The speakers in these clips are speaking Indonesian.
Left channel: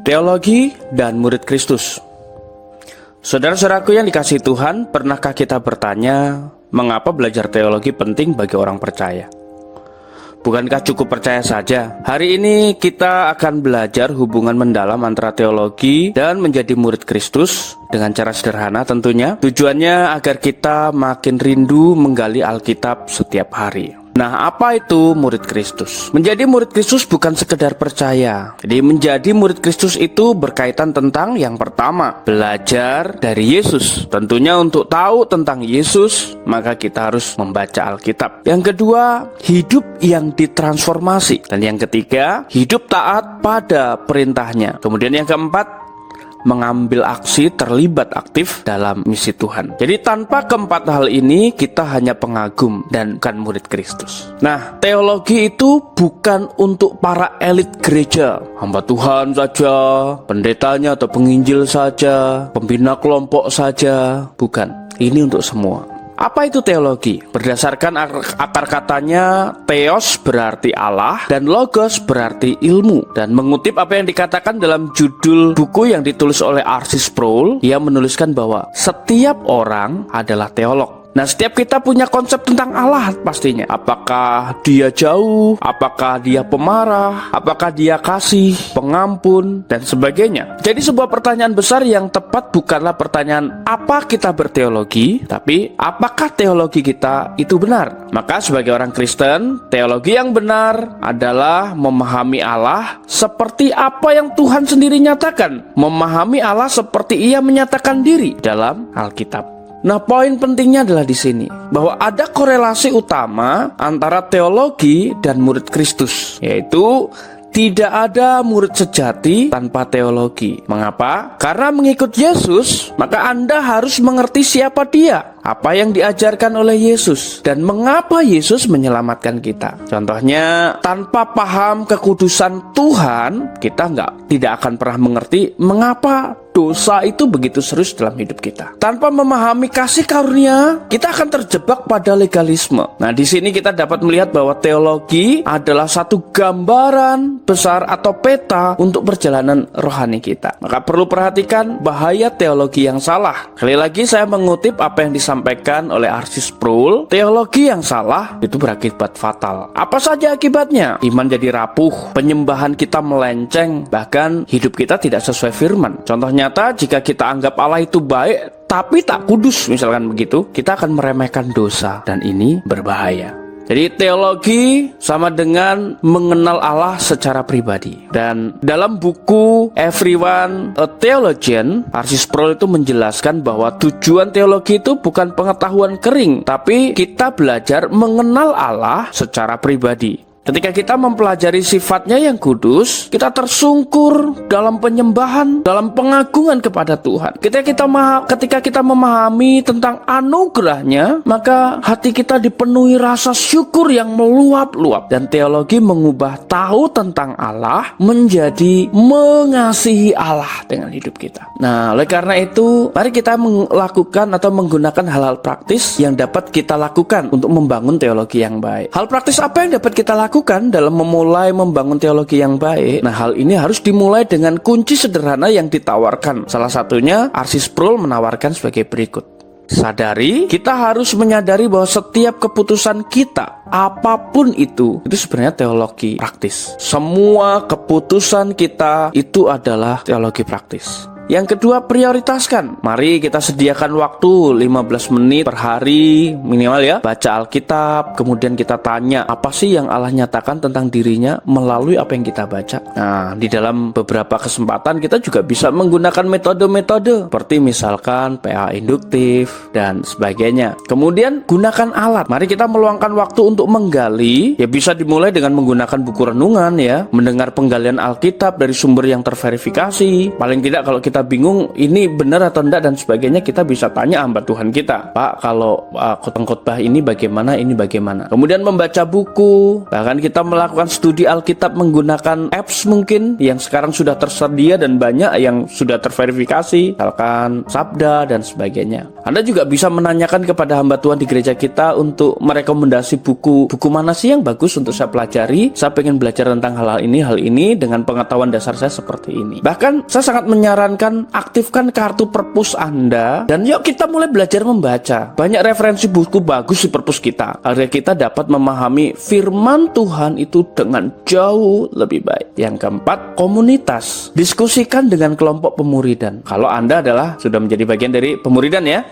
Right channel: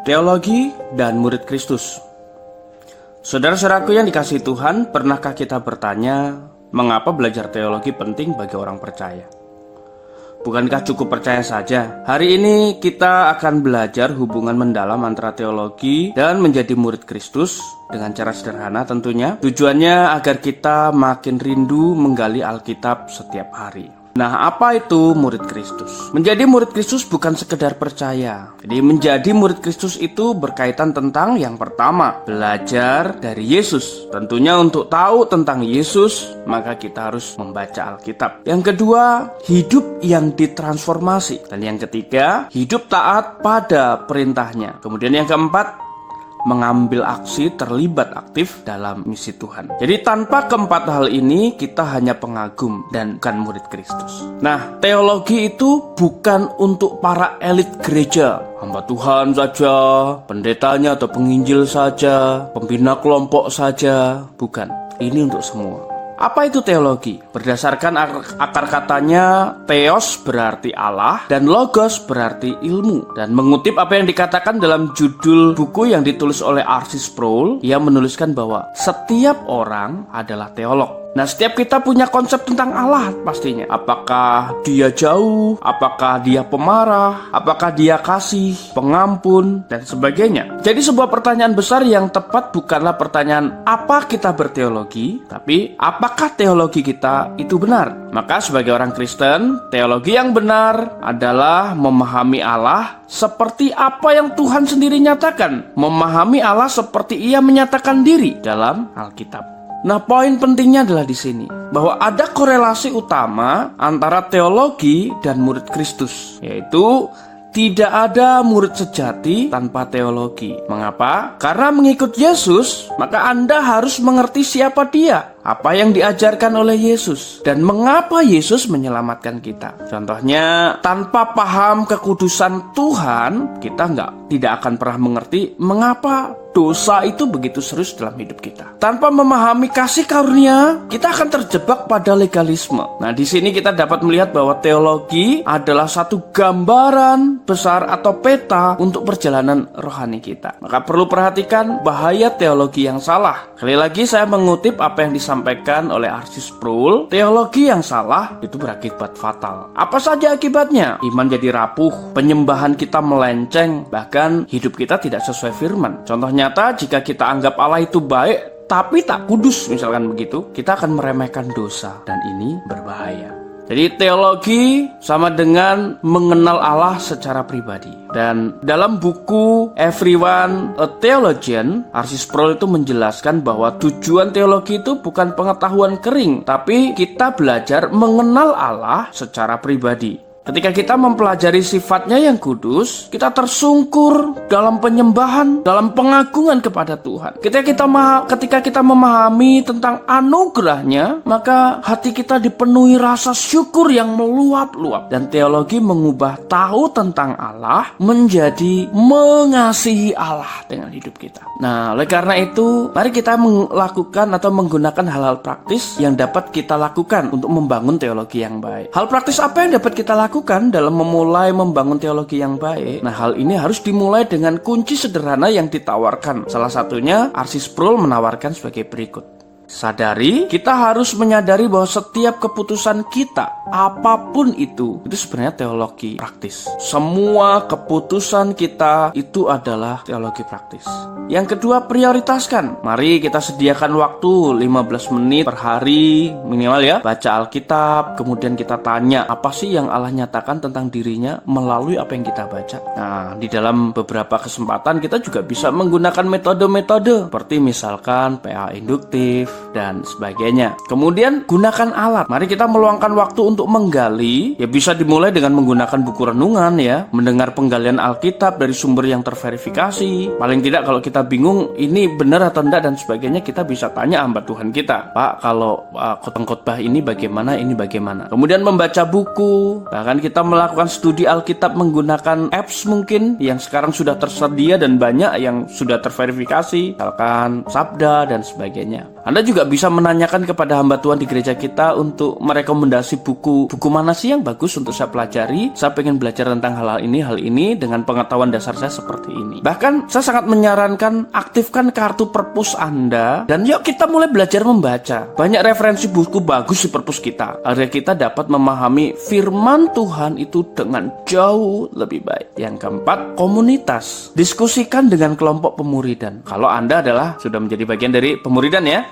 Teologi dan murid Kristus. Saudara-saudaraku yang dikasihi Tuhan, pernahkah kita bertanya, mengapa belajar teologi penting bagi orang percaya? Bukankah cukup percaya saja? Hari ini kita akan belajar hubungan mendalam antara teologi dan menjadi murid Kristus dengan cara sederhana tentunya. Tujuannya agar kita makin rindu menggali Alkitab setiap hari. Nah, apa itu murid Kristus? Menjadi murid Kristus bukan sekedar percaya. Jadi menjadi murid Kristus itu berkaitan tentang yang pertama, belajar dari Yesus. Tentunya untuk tahu tentang Yesus, maka kita harus membaca Alkitab. Yang kedua, hidup yang ditransformasi. Dan yang ketiga, hidup taat pada perintahnya. Kemudian yang keempat, mengambil aksi terlibat aktif dalam misi Tuhan. Jadi tanpa keempat hal ini kita hanya pengagum dan bukan murid Kristus. Nah, teologi itu bukan untuk para elit gereja, hamba Tuhan saja, pendetanya atau penginjil saja, pembina kelompok saja, bukan. Ini untuk semua. Apa itu teologi? Berdasarkan akar katanya, theos berarti Allah dan logos berarti ilmu. Dan mengutip apa yang dikatakan dalam judul buku yang ditulis oleh R.C. Sproul, ia menuliskan bahwa setiap orang adalah teolog. Nah, setiap kita punya konsep tentang Allah pastinya. Apakah dia jauh? Apakah dia pemarah? Apakah dia kasih, pengampun, dan sebagainya. Jadi sebuah pertanyaan besar yang tepat bukanlah pertanyaan apa kita berteologi, tapi apakah teologi kita itu benar. Maka sebagai orang Kristen, teologi yang benar adalah memahami Allah seperti apa yang Tuhan sendiri nyatakan. Memahami Allah seperti Ia menyatakan diri dalam Alkitab. Nah, poin pentingnya adalah di sini bahwa ada korelasi utama antara teologi dan murid Kristus, yaitu tidak ada murid sejati tanpa teologi. Mengapa? Karena mengikut Yesus, maka Anda harus mengerti siapa Dia, apa yang diajarkan oleh Yesus, dan mengapa Yesus menyelamatkan kita. Contohnya, tanpa paham kekudusan Tuhan, kita tidak akan pernah mengerti mengapa dosa itu begitu serius dalam hidup kita. Tanpa memahami kasih karunia, kita akan terjebak pada legalisme. Nah, di sini kita dapat melihat bahwa teologi adalah satu gambaran besar atau peta untuk perjalanan rohani kita. Maka perlu perhatikan bahaya teologi yang salah. Sekali lagi saya mengutip apa yang disampaikan oleh R.C. Sproul, teologi yang salah itu berakibat fatal. Apa saja akibatnya? Iman jadi rapuh, penyembahan kita melenceng, bahkan hidup kita tidak sesuai firman. Contohnya nyata, jika kita anggap Allah itu baik tapi tak kudus, misalkan begitu, kita akan meremehkan dosa, dan ini berbahaya. Jadi teologi sama dengan mengenal Allah secara pribadi. Dan dalam buku Everyone a Theologian, R.C. Sproul itu menjelaskan bahwa tujuan teologi itu bukan pengetahuan kering, tapi kita belajar mengenal Allah secara pribadi. Ketika kita mempelajari sifatnya yang kudus, kita tersungkur dalam penyembahan, dalam pengagungan kepada Tuhan. Ketika kita memahami tentang anugerahnya, maka hati kita dipenuhi rasa syukur yang meluap-luap. Dan teologi mengubah tahu tentang Allah menjadi mengasihi Allah dengan hidup kita. Nah, oleh karena itu, mari kita melakukan atau menggunakan hal-hal praktis yang dapat kita lakukan untuk membangun teologi yang baik. Hal praktis apa yang dapat kita lakukan dalam memulai membangun teologi yang baik? Nah, hal ini harus dimulai dengan kunci sederhana yang ditawarkan. Salah satunya R.C. Sproul menawarkan sebagai berikut. Sadari, kita harus menyadari bahwa setiap keputusan kita, apapun itu sebenarnya teologi praktis. Semua keputusan kita itu adalah teologi praktis. Yang kedua, prioritaskan. Mari kita sediakan waktu 15 menit per hari minimal ya, baca Alkitab, kemudian kita tanya apa sih yang Allah nyatakan tentang dirinya melalui apa yang kita baca. Nah, di dalam beberapa kesempatan kita juga bisa menggunakan metode-metode seperti misalkan PA induktif dan sebagainya. Kemudian gunakan alat. Mari kita meluangkan waktu untuk menggali. Ya, bisa dimulai dengan menggunakan buku renungan ya, mendengar penggalian Alkitab dari sumber yang terverifikasi. Paling tidak kalau kita kita bingung ini benar atau enggak dan sebagainya, kita bisa tanya hamba Tuhan kita, Pak, kalau khotbah ini bagaimana, ini bagaimana. Kemudian membaca buku, bahkan kita melakukan studi Alkitab menggunakan apps mungkin yang sekarang sudah tersedia dan banyak yang sudah terverifikasi, misalkan Sabda dan sebagainya. Anda juga bisa menanyakan kepada hamba Tuhan di gereja kita untuk merekomendasi buku mana sih yang bagus untuk saya pelajari. Saya pengen belajar tentang hal ini dengan pengetahuan dasar saya seperti ini. Bahkan saya sangat menyarankan aktifkan kartu perpus Anda dan yuk kita mulai belajar membaca. Banyak referensi buku bagus di perpus kita agar kita dapat memahami firman Tuhan itu dengan jauh lebih baik. Yang keempat, komunitas. Diskusikan dengan kelompok pemuridan. Kalau Anda sudah menjadi bagian dari pemuridan ya,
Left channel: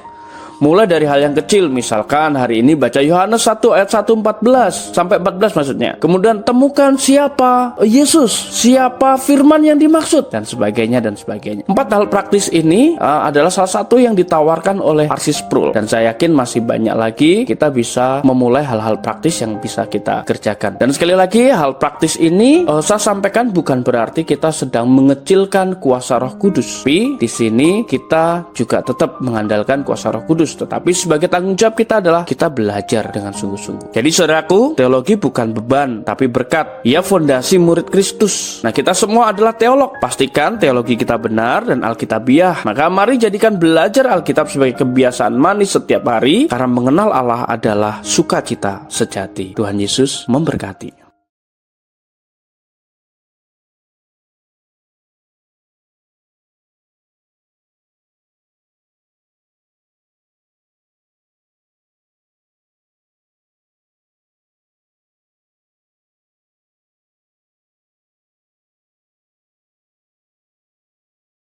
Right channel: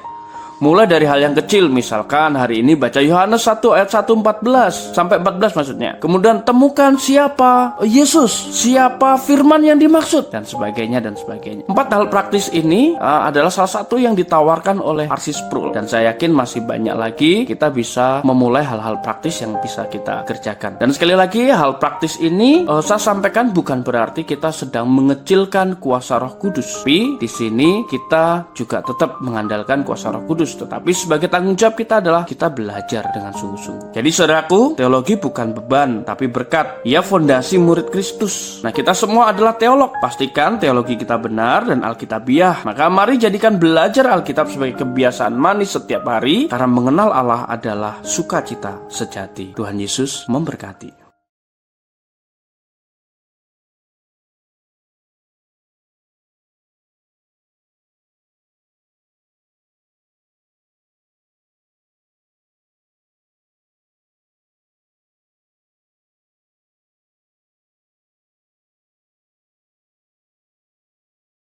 mulai dari hal yang kecil, misalkan hari ini baca Yohanes 1 ayat 1 sampai 14 maksudnya. Kemudian temukan siapa Yesus, siapa firman yang dimaksud, dan sebagainya dan sebagainya. 4 hal praktis ini adalah salah satu yang ditawarkan oleh R.C. Sproul, dan saya yakin masih banyak lagi kita bisa memulai hal-hal praktis yang bisa kita kerjakan. Dan sekali lagi, hal praktis ini saya sampaikan bukan berarti kita sedang mengecilkan kuasa Roh Kudus. Tapi di sini kita juga tetap mengandalkan kuasa Roh Kudus. Tetapi sebagai tanggung jawab kita adalah kita belajar dengan sungguh-sungguh. Jadi saudaraku, teologi bukan beban, tapi berkat. Ia fondasi murid Kristus. Nah, kita semua adalah teolog. Pastikan teologi kita benar dan alkitabiah. Maka mari jadikan belajar Alkitab sebagai kebiasaan manis setiap hari, karena mengenal Allah adalah sukacita sejati. Tuhan Yesus memberkati.